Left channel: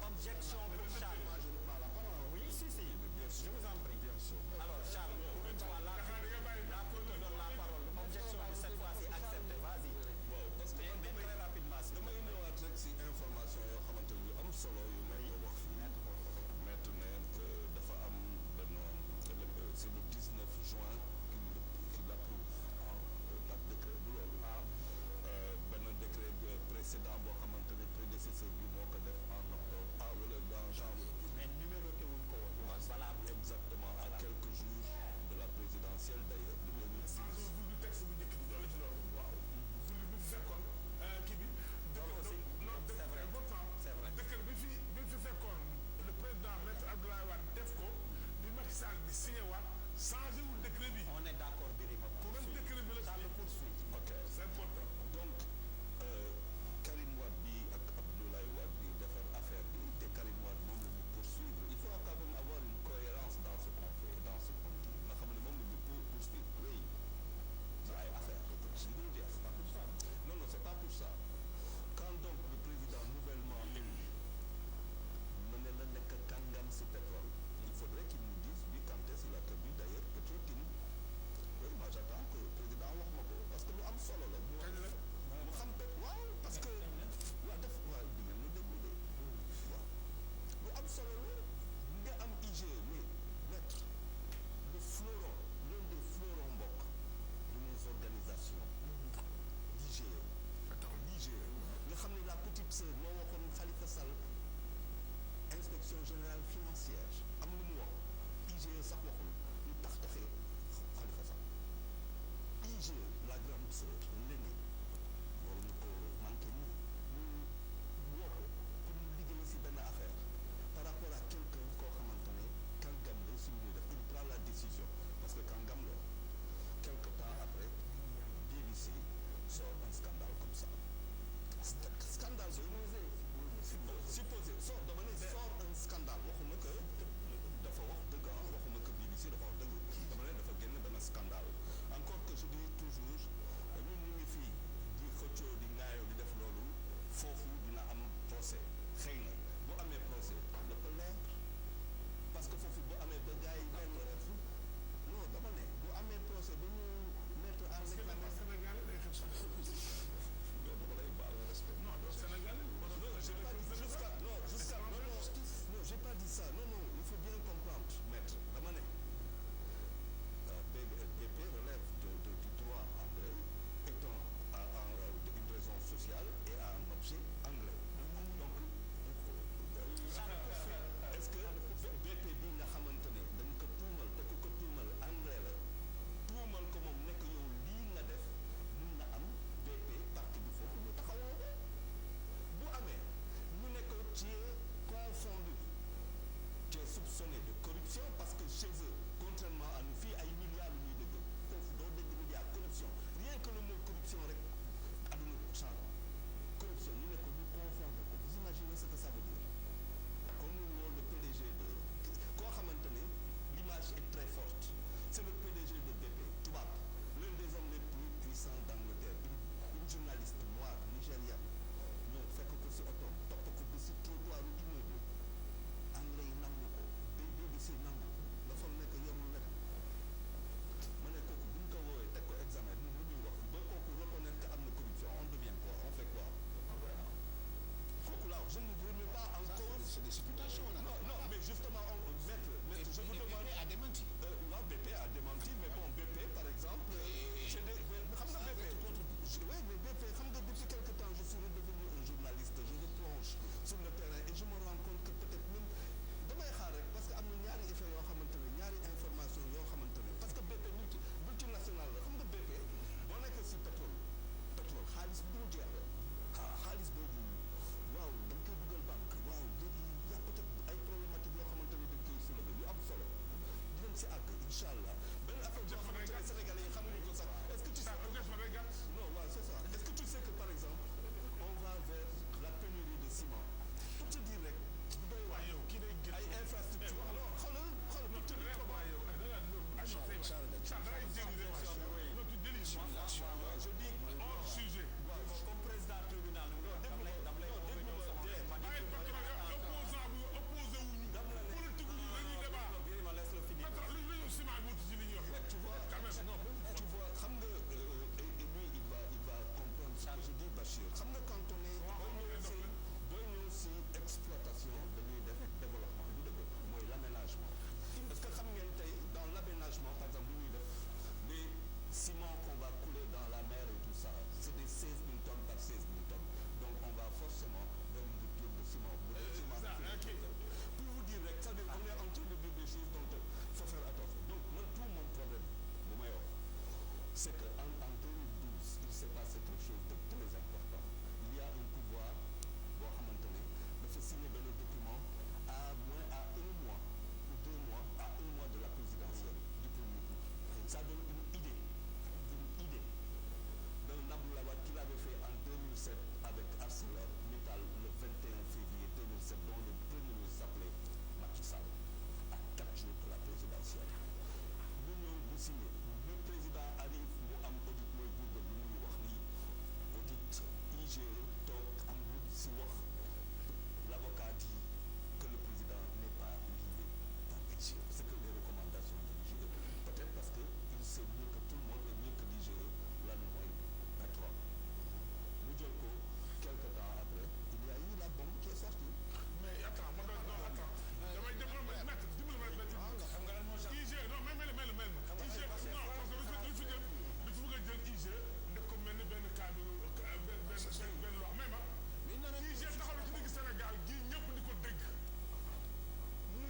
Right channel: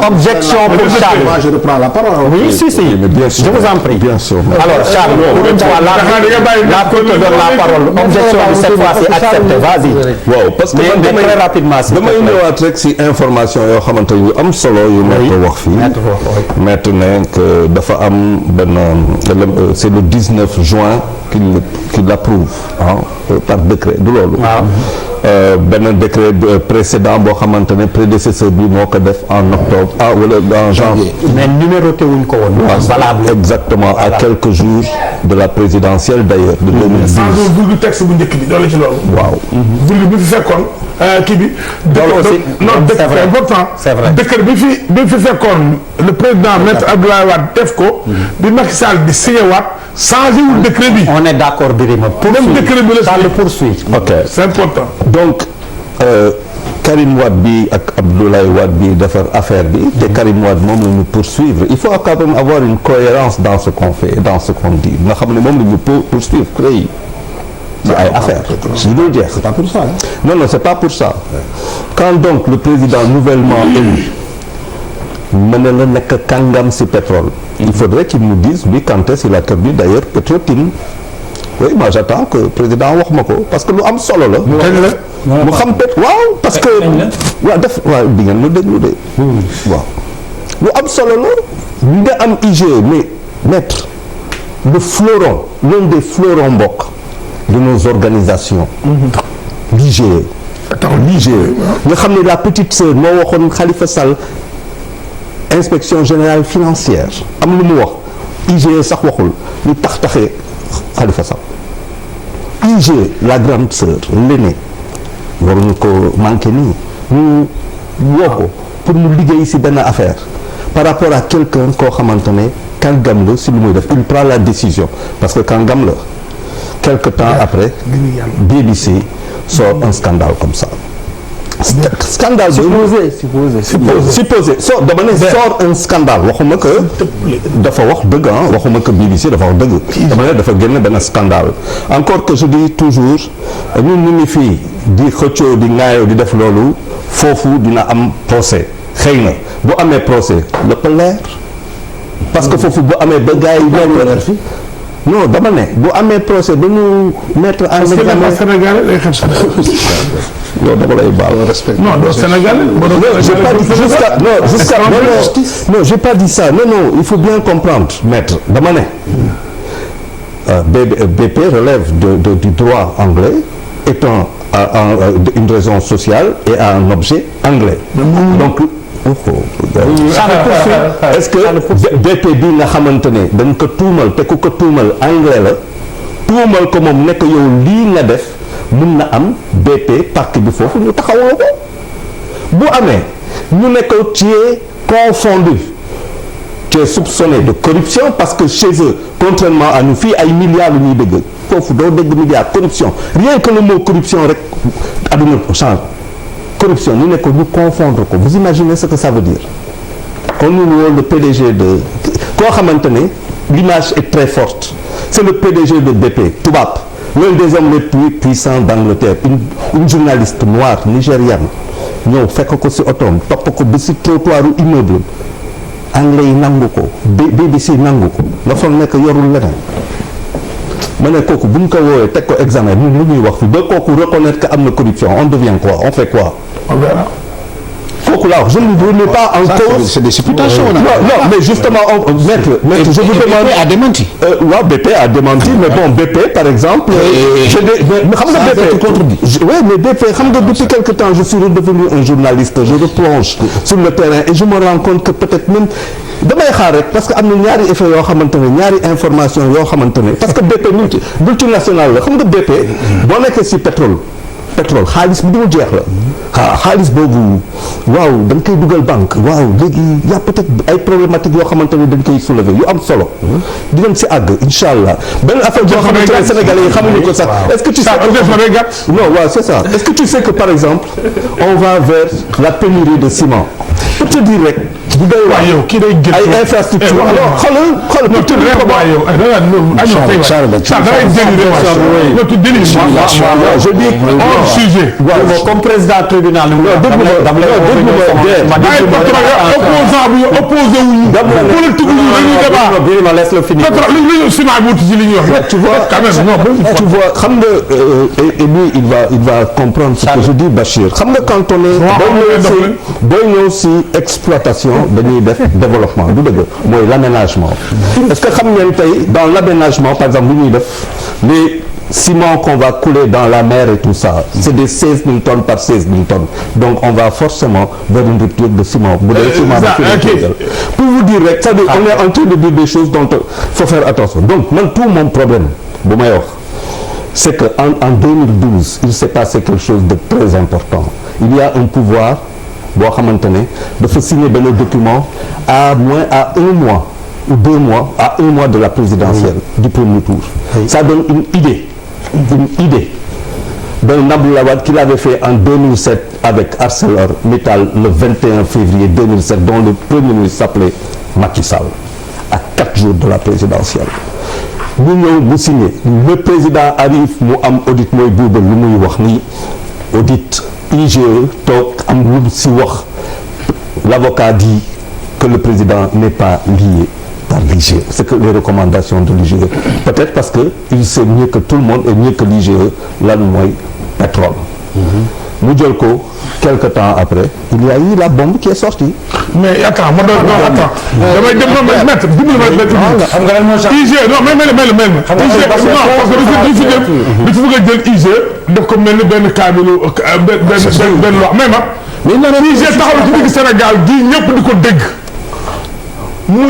Objection pour Charles. Moi, je reprends la parole. Oui, si. Mais bien sûr, je vous en prie. Bien sûr. Alors, Charles, la te donne la parole. Objection de cette fois-ci acceptée. Vas-y. waaw parce que mais très rapidement. damay ñëwaat rek si information yoo xamante yu am solo yu maître wax fii. maître ne que dafa am benn c'est le 19 juin qu'il l'approuve par décret du loolu. benn décret précédent boo xamante ne prédécesseur bi moo ko def en octobre wala en janvier. mais numéroté wuñ ko woon. valable exactement à quelques jours de la présidentielle d'ailleurs de 2010. virgule texte bu njëkk bi doole ci loolu. waaw. virgule bi fi fekkoon kii bi. c'est vrai important. c'est vrai décret bi fi fekkoon le président maître Abdoulaye Wade def ko. bi Macky Sall di signé waat changé wul décret bi. on est d'accord Birima. même décret bi la ça le poursuit. ok c'est important. donc Karim Wade bi ak Abdoulaye Wade bi defar affaire bi te Karim Wade moom la ñu poursuivre il faut quand même avoir une cohérence dans ce qu'on fait dans ce qu'on dit nga xam ne moom la ñu poursuivre CREI ci ay affaires yu dul jeex. C'est pas pour ça. Non, c'est pas pour ça. Quand donc le président nouvellement élu mën na la nekk kàngam si pétrole il faudrait qu'il nous dise lui quand est-ce qu'il a perdu d'ailleurs Petro-Tim. Oui, moi j'attends que le président wax ma ko parce que lu am solo la. mu xam peut waaw parce que. waaw waaw di ngeen ma déglu de. waaw lu am solo la. ñu nga am IGE mais maître le fleuron l'un des fleurons mbokk de nos organisations. l'IGE. l'IGE nga xam ne la petite sœur moo waxoon Khalifa Sall inspection générale financière am lu mu wax IGE sax waxul lu taxee Khalifa Sall. IGE la grande sœur l'aînée waruñu ko manqué nii ñu woo ko pour mu liggéey si benn affaire par rapport à quelqu'un koo xamante ne kàngam la si lu muy def il prend la décision parce que kàngam la quelque temps après BBC sort un scandale comme ça scandale supposé so dama ne sort un scandale waxuma que dafa wax dëgg waxuma que BBC dafa wax dëgg dama ne dafa génn benn scandale encore que je dis toujours ñun ñu ngi fii di xëccoo di ŋaayoo di def loolu foofu dina am procès xëy na bu amee procès lépp leer parce que foofu bu amee ba gars yi leer fi non dama ne bu amee procès ba ñu mettre en examen Sénégal day xam non dama lay baal. non doo Sénégal. j'ai pas dit jusqu'à non j'ai pas dit ça non il faut bien comprendre maître dama ne BP relève du droit anglais étant une raison sociale et a un objet anglais donc est-ce que BP bi nga xamante ne dañ ko tuumal te ku ko tuumal anglais la tuumal ko moom nekk yow lii nga def mun na am BP parc bi foofu ñu taxawoo ko bu amee ñu nekk tu es confondu tu es soupçonné de corruption parce que chez eux contrairement à nous fii ay milliards lu ñuy dégg foofu doo dégg milliards corruption rien que le mot corruption rek adduna change corruption ñu ne ko ñu confondre ko vous imaginez ce que ça veut dire kon ñu woo le PDG de koo xamante ne l'image est très forte c'est le PDG de BP tubaab l'un des hommes les plus puissants d'Angleterre une journaliste noire nigériane ñëw fekk ko ci otoom topp ko ba ci trottoiru immeuble anglais yi nangu ko BBC nangu ko nga foog nekk yorul leneen ma ne kooku bu ñu ko woowee teg ko examen ñun lu ñuy wax fi ba kooku reconnaître que am na corruption on devient quoi on fait quoi on verra. kooku là je ne remets pas en cause. C'est des supputations. Non, mais justement maître je vous demande. BP a démenti. waaw BP a démenti mais bon BP par exemple. mais xam nga BP oui mais BP xam nga depuis quelque temps je suis redevenu un journaliste je replonge sur le terrain et je me rends compte que peut-être même damay xaar rek parce que am na ñaari effet yoo xamante ne ñaari information yoo xamante ne parce que BP multinational la xam nga BP boo nekkee ci pétrole xaalis bi dul jeex la xaalis boobu waaw dañ koy dugal banque waaw léegi y a peut-être ay problématiques yoo xamante ne dañ koy soulever yu am solo dinañ ci àgg incha allah benn affaire boo xamante ne Sénégalais yi xamuñu ko sax est-ce que tu sais non waaw c'est ça est-ce que tu sais que par exemple on va vers la pénurie de ciment pour te dire rek bu doy waar yow kii day gën ay infrastructure alors xoolal je dis hors sujet comme président tribunal opposant bu opposé wuñu politique wuñu dañuy débat Birima laisse le finir lu ciment bi wuti ci li ñuy wax tu vois quand même non tu vois xam nga et lui il va comprendre ce que je dis Bachir xam nga quand on est booy ñëw si exploitation dañuy def développement du dëgg mooy l'aménagement est-ce que xam ngeen tey dans l'aménagement par exemple lu ñuy def les ciment qu'on va couler dans la mer et tout ça c'est des 16 000 tonnes par 16 000 tonnes donc on va forcément vers une rupture de ciment bu dee ciment pour vous dire rek c'est-à-dire on est en train de dire des choses dont faut faire attention donc man tout mon problème bu may wax c'est que en 2012 il s'est passé quelque chose de très important il y a un pouvoir boo xamante ne dafa signer benn document à un mois ou 2 mois à 1 mois de la présidentielle du premier tour ça donne une idée d'un Abdoulaye Wade qu'il avait fait en 2007 avec ArcelorMittal le 21 février 2007 dont le premier ministre s'appelait Macky Sall à 4 jours de la présidentielle ñu ñëw mu signé le président arrive mu am audit mooy buuba lu muy wax ni audit IGE toog am lu si wax l'avocat dit que le président n'est pas lié par l'IGE c'est que les recommandations de l'IGE peut-être parce que il sait mieux que tout le monde et mieux que l'IGE lan mooy pétrole mu jël ko quelque temps après il y a eu la bombe qui est sortie mais attends ma doon non attends damay dem non maître dimbali ma xam nga lan moo sax IG non mais IG non parce que du fi bëgg a jël IG def ko mel ni benn kaamilu benn loi mais IG taxaw ci digg Sénégal gi ñëpp di ko dégg mu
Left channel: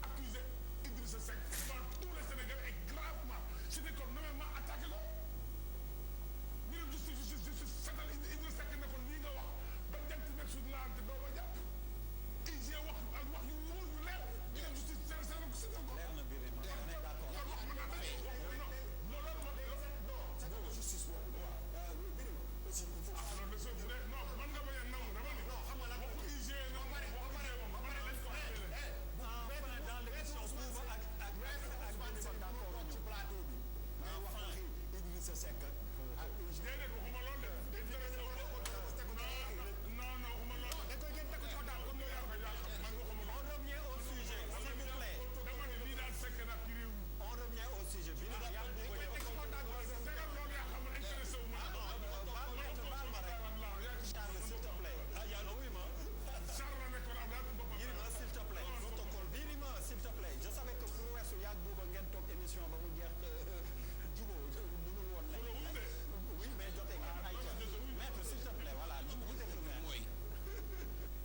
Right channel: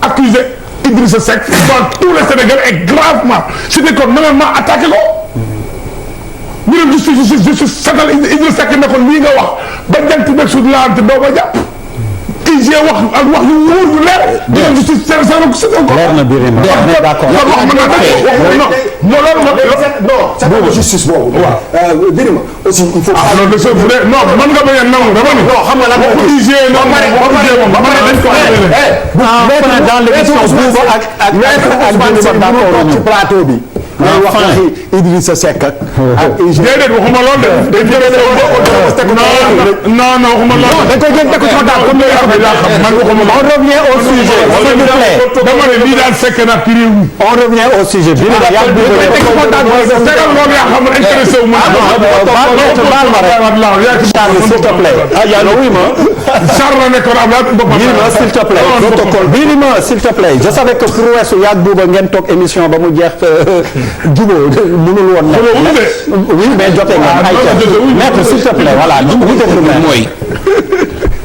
accusé Idrissa Seck dans tout le Sénégal et gravement c'était que normalement attaqué ko ñu ne justice setal Idrissa Seck ne ko lii nga wax ba jant beeg suuf laante doo ma jàpp IG wax ak wax yu wóor yu leer. ñu ne justice setal ko. leer na Birima d'accord non justice boobu. waaw Birima aussi il faut. non de ce vrai non man nga bañ a nangu dama ni. non xam nga lan moo IG dans l'émission Bouba ak ci plateau bi. ngay wax waxi Idrissa Seck ak IG. déedéet waxuma loolu de. non waxuma loolu. dañ koy jël teg ko ci daal comme man waxuma on revient au sujet s'il vous plaît. dama ne lii daal fekk na ci réew mi. on revient au sujet bi nga yàgg bu tegal loolu yaa xam ne intéressé wu ma. baal ma rek Charles s'il te plaît. oui ma. Charles la nekkoon Birima s'il te plaît. protocole Birima s'il te plaît. je savais que pour weesu yàgg buuba ngeen toog émission ba mu jeex jubóo mënul woon nekk. oui mais jotee nga ay maître s'il te plaît voilà mooy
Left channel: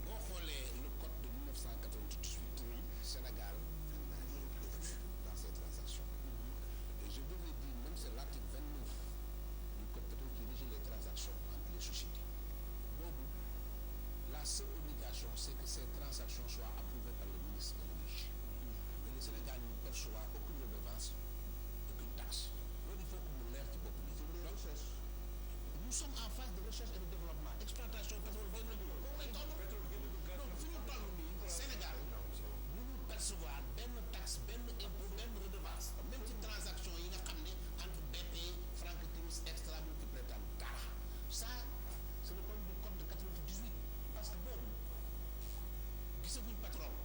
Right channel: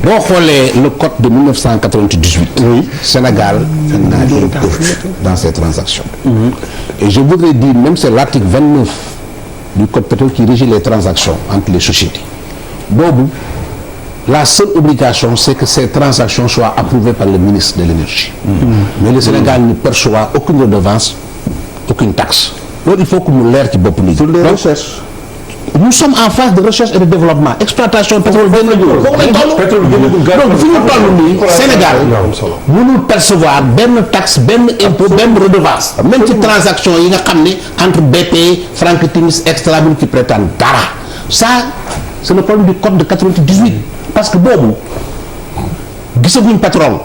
boo xoolee le code de 1998. oui Sénégal n'a des refus dans ces transactions. Et je voudrais dire même c'est l'article 29 du code pétrolier qui régit les transactions entre les sociétés boobu la seule obligation c'est que ces transactions soient approuvées par le ministre de l'énergie. Mais le Sénégal ne perçoit aucune redevance aucune taxe loolu il faut que mu leer ci bopp nit pour les recherches. Nous sommes en phase de recherche et de développement exploitation pétrole gën a jóg foofu lañ toll donc fi ñu toll nii Sénégal mënul percevoir benn taxe benn impôt benn redevance même ci transaction yi nga xam ne entre BP Frank Timis Extra bi ci prétendent dara ça c'est le problème du code de 98 parce que boobu gisaguñ pétrole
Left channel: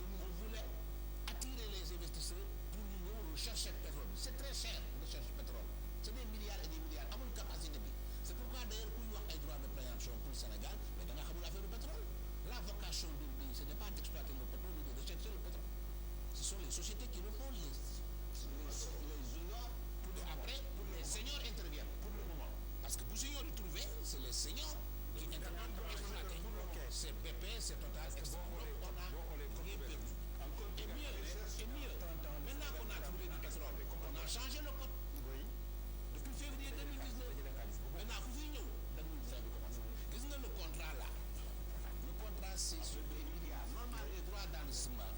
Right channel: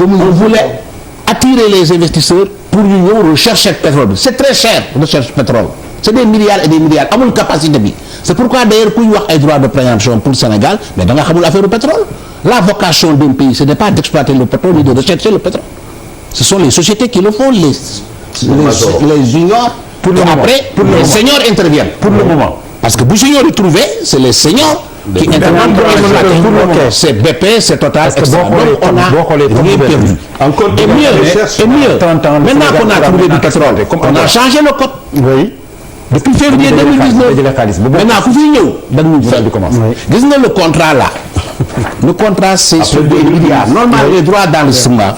on voulait attirer les investisseurs pour ñu ñëw rechercher pétrole bi c'est très cher recherche pétrole c'est des milliards et des milliards amul capacité bi c'est pourquoi d'ailleurs kuy wax ay droits de préemption pour le Sénégal mais da nga xamul affaire du pétrole la vocation d'un pays ce n'est pas d'exploiter le pétrole ni de rechercher le pétrole ce sont les sociétés qui le font les juniors après les seniors interviennent pour le moment parce que bu juniors yi trouvé c'est les seniors qui interviennent pour exploiter c'est BP c'est Total etc. Donc on a rien perdu et mieux maintenant qu'on a trouvé du pétrole on a changé le code oui depuis février 2019 maintenant ku fi ñëw dañu gis nga le contrat là le contrat c'est sur des milliards normalement les droits d'enregistrement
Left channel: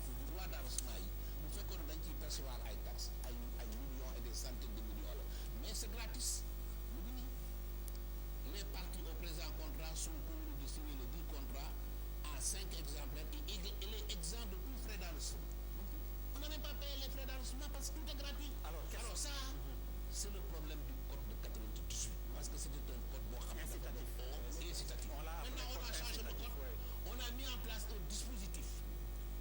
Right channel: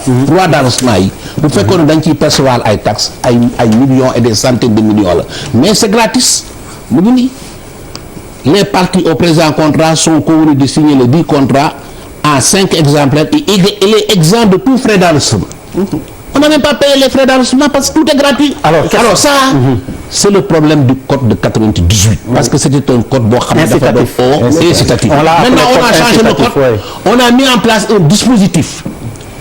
yi bu fekkoon dañ ciy percevoir ay taxes ay millions et des centaines de millions la mais c'est gratis mu ngi nii les parties au présent contrat sont convenues de signer les 10 contrats à 5 exemplaires et il est exempt de tout frais d'enregistrement. On n'a même pas payé les frais d'enregistrement parce que tout est gratuit. Alors ça, c'est le problème du code de 98. Parce que c'était un code incitatif. Maintenant, on a changé le code. On a mis en place un dispositif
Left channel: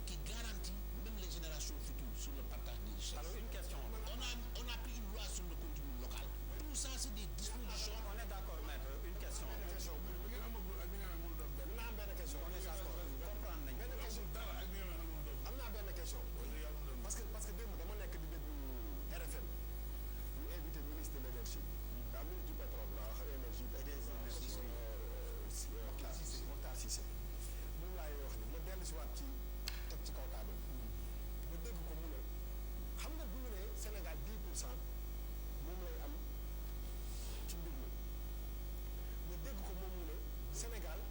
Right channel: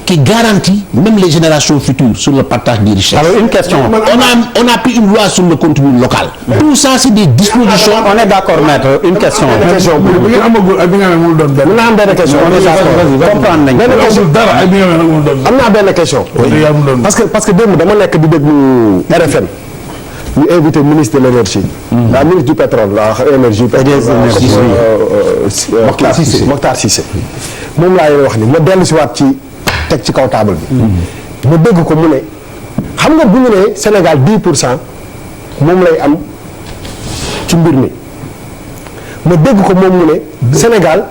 qui garantit même les générations futures sur le partage des richesses. Alors une question. On a pris une loi sur le contenu local. Tout ça, c'est des dispositions. On est d'accord, maître. Une question. On a benn question. parce que démb dama nekk di déglu RFM ñu invité ministre de l'énergie. la ministre du pétrole la énergie. Mokhtar Cissé moom laa wax ni ma dellu si waat ci teg ci kaw table bi. ma dégg ko mu ne xam nga bu ñu nee Sénégal 10% moom lay am ci mbir mi ma dégg ko moom mu ne Sénégal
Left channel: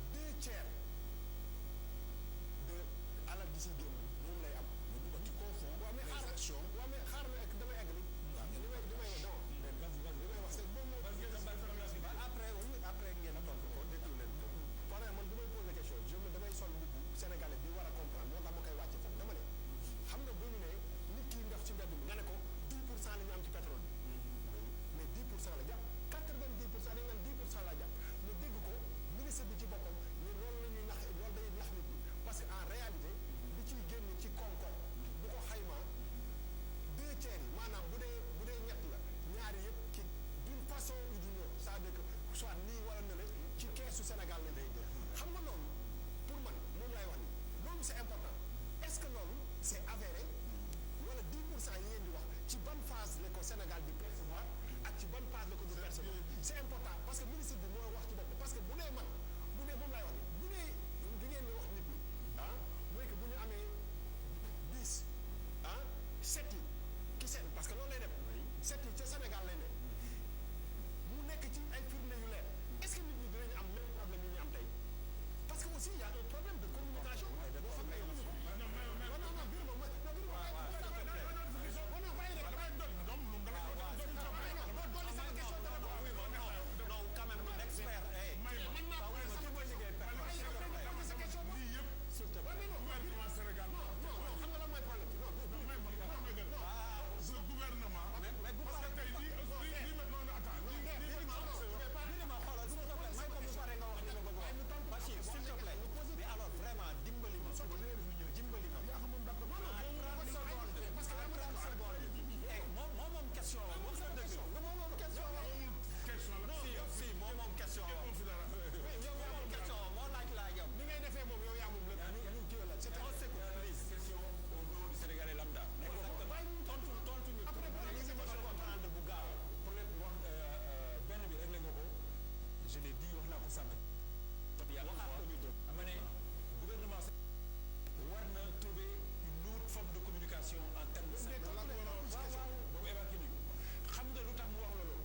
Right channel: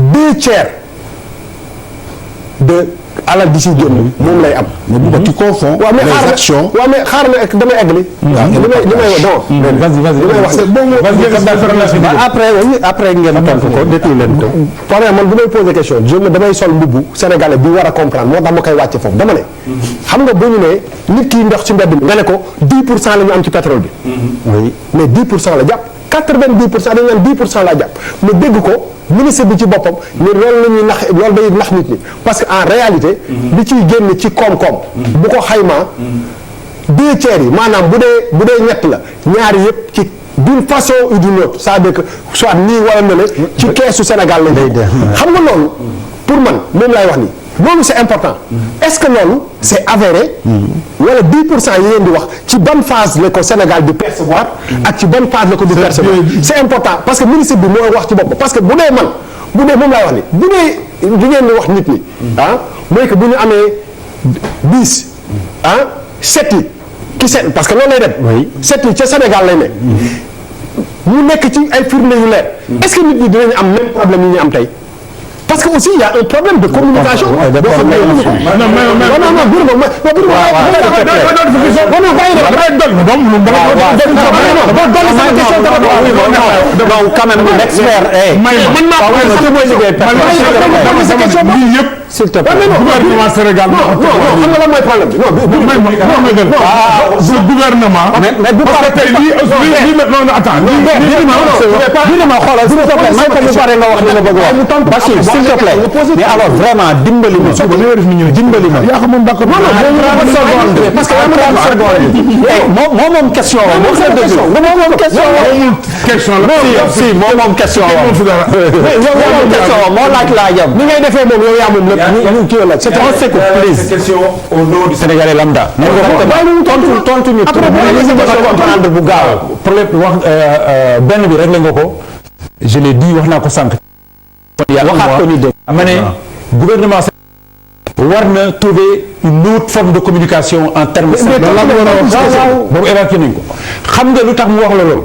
2/3 de alal di si génn moom lay am. mais bu tu confonds les actions. waaw mais xaaral ma damay eggali. après ngeen tontu ko détenu leen ko. par man bu may poser question damay sol mbubbu sénégalais bi war a comprendre moo tax ma koy wàcce foofu dama ne. xam nga bu ñu ne nit ki ndox ci mbedd mi nga ne ko 10% la ñu am ci pétrole bi. oui mais 10% la jàpp. 90% dañu naan 10% laa jàpp ma dégg ko ministre bi ci boppam ni loolu la ñuy nax loolu day nax nit ñi parce que en réalité. li ciy génn ci koom-koom. bu ko xaymaa 2/3 yi maanaam bu dee ñett la ñaari yëpp ci d'une façon ou d'une autre c'est-à-dire que soit nii wala ne la ci keesu Sénégal lañ day xam nga loolu pour man moom laay wax nii. loolu c'est important est-ce que loolu c'est avéré wala 10% yi ngeen di wax ci bonne phase la ko Sénégal di percevoir ak ci bonne phase la ko di percevoir c'est important parce que ministre bi moo wax ci bopp parce que bu dee moom laay wax ni bu dee di ngeen di wax nit ñi mooy que bu ñu amee 10 7 yi ki set parce que loolu lay dem 7 yi ca Sénégal lay ne ñu nekk ci ay firnde yu leer est-ce que nit ñi dinañ am même problème yi ñu am tey parce que aussi il y a un problème de communication. s'il te plaît. gouvernement Sénégal. non xam nga lan mooy problème bi. non gouvernement. mais bu parce que tey lii non attends. s'il te plaît mais alors vraiment dimbali ma. yaa xam moom d'accord. parce que moom question la. moom question la. si moom question la. moo laaj yam. ni ngay defee moom yow yaa moom lépp. c'est un secours please. question au nom du Sénégalais lambda. tontu ñu. comprendre bu gaaw. problème wax benn bi réglé nga ko. je l'ai dit wax naa ko sànq. waxaat ko ñu dégg. ma ne gouvernement war na trouver une autre forme de communication en termes boobu évacué nañ ko xam nga lu tax mu wax la loolu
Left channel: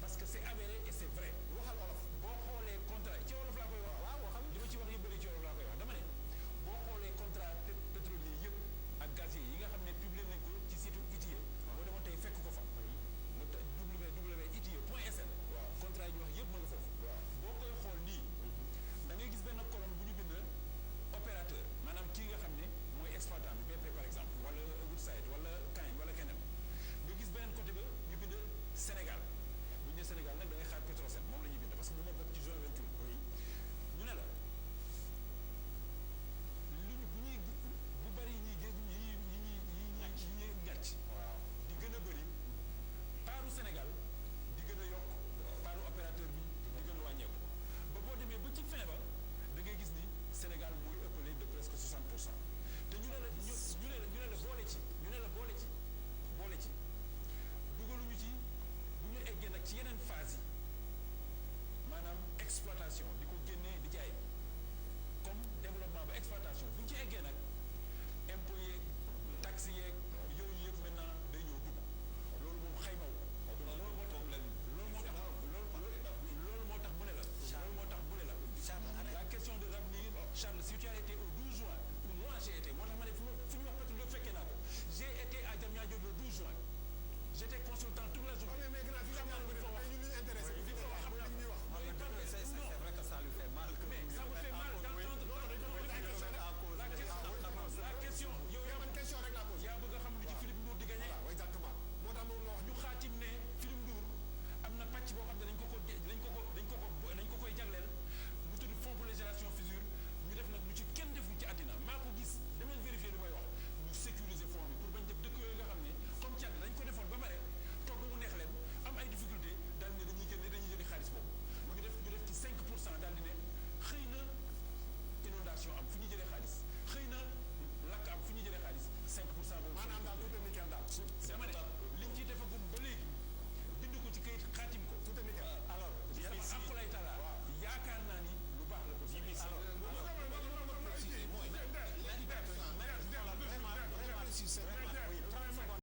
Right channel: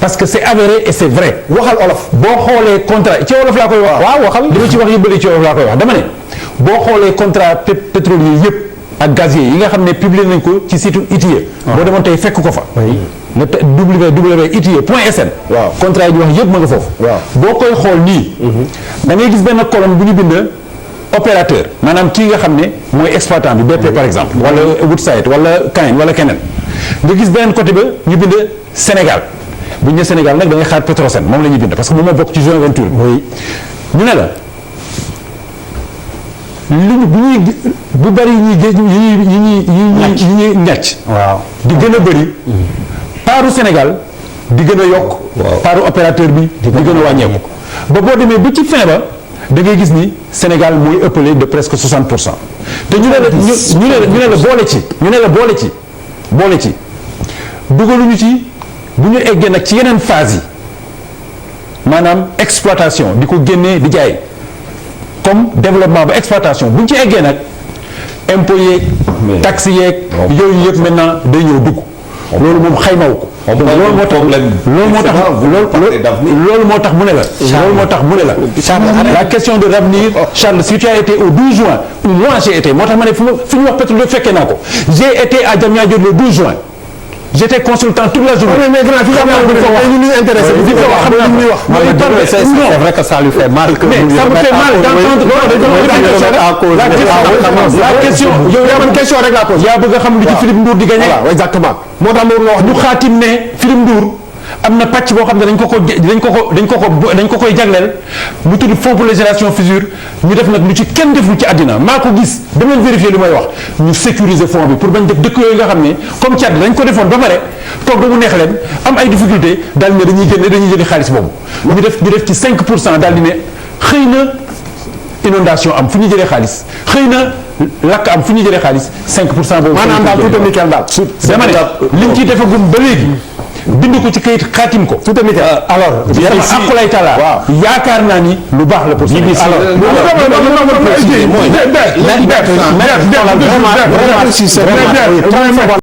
parce que c'est avéré et c'est vrai waxal olof boo xoolee contrat ci wolof laa koy wax waaw waxal li ma ci wax yëbbali ci wolof laa koy wax dama ne boo xoolee contrat pétrolier yëpp ak gazier yi nga xam ne publié nañ ko ci site ITIE boo demoon tey fekk ko fa nga www.itie.sn waaw contrat yi ñu wax yëpp ma nga foofu boo koy xool nii da ngay gis benn colonne bu ñu bind opérateur maanaam kii nga xam ne mooy exploitant bi BP par exemple wala Woodside wala Caen wala keneen nga gis beneen côté ba ñu bind Sénégal bu ñu nee Sénégal nag da ngay xaar Petrosen moom la ñuy bind parce que moom moo bokk ci joint venture ñu ne la bu bari yi ñuy ñàcc waaw di gën a bëri paaru Sénégal di gën a yokk paaru opérateur bi di gën a wàññeeku ba boo demee ba ci fin ba da ngay gis ni Sénégal mooy ëppale de presque 60% te ñu ne la boole ci dugaluñu ci bu ñu eggee nag ci yeneen phase yi maanaam exploitation di ko génnee di jaay comme développement ba exploitation bu ñu ci eggee nag impôt yeeg taxe yeeg yooyu yëpp maintenant day ñëw dugg loolu moom xaymawu ko loolu moo tax mu ne la la question de l'avenir Charles si tu as été au 12 juin ou moi j'ai été moo tax ma ne fi ñu wax pétrole fekkee naa ko j'ai été à Diamniadio le 12 juin j'étais consultant toute la journée. mais grand fi nga xam ne ñu intéressé bi fi wax xam li muy wax. c'est vrai que ça lui fait mal que mais ça me fait mal d'entendre la question yow yaa man question rek laa pose. yaa bëgg a xam lu ci Philippe Ndour di gagné. voilà exactement moo tax ma wax ñu xaatim ne Philippe Ndour am na pàcc boo xam ne dañ ko koy jagleel mu tudd fonds pour les générations futures ñu def nag lu ci kenn deful ci àddina maa ko gis dama leen vérifier lu may wax ñu sécuriser fonds bi pour bañ def dëkk yooyu nga xam ne comme Tchad dañ ko defoon ba pare toog ba mu neex leen am ay difficulté daal ne dañuy jëli xaalis boobu ñu def ci 5% daal di ne xëy na inondation am fu ñu jëlee xaalis xëy na lakk am fu ñu jëlee xaalis 5% boobu. maanaam daal tout est nickel daal. dama ne liñ ciy defagum ba léegi. bind ko ci kayit xaatim ko. tout est nickel. alors aqulay taala yaakaar naa ni lu baax la pour alors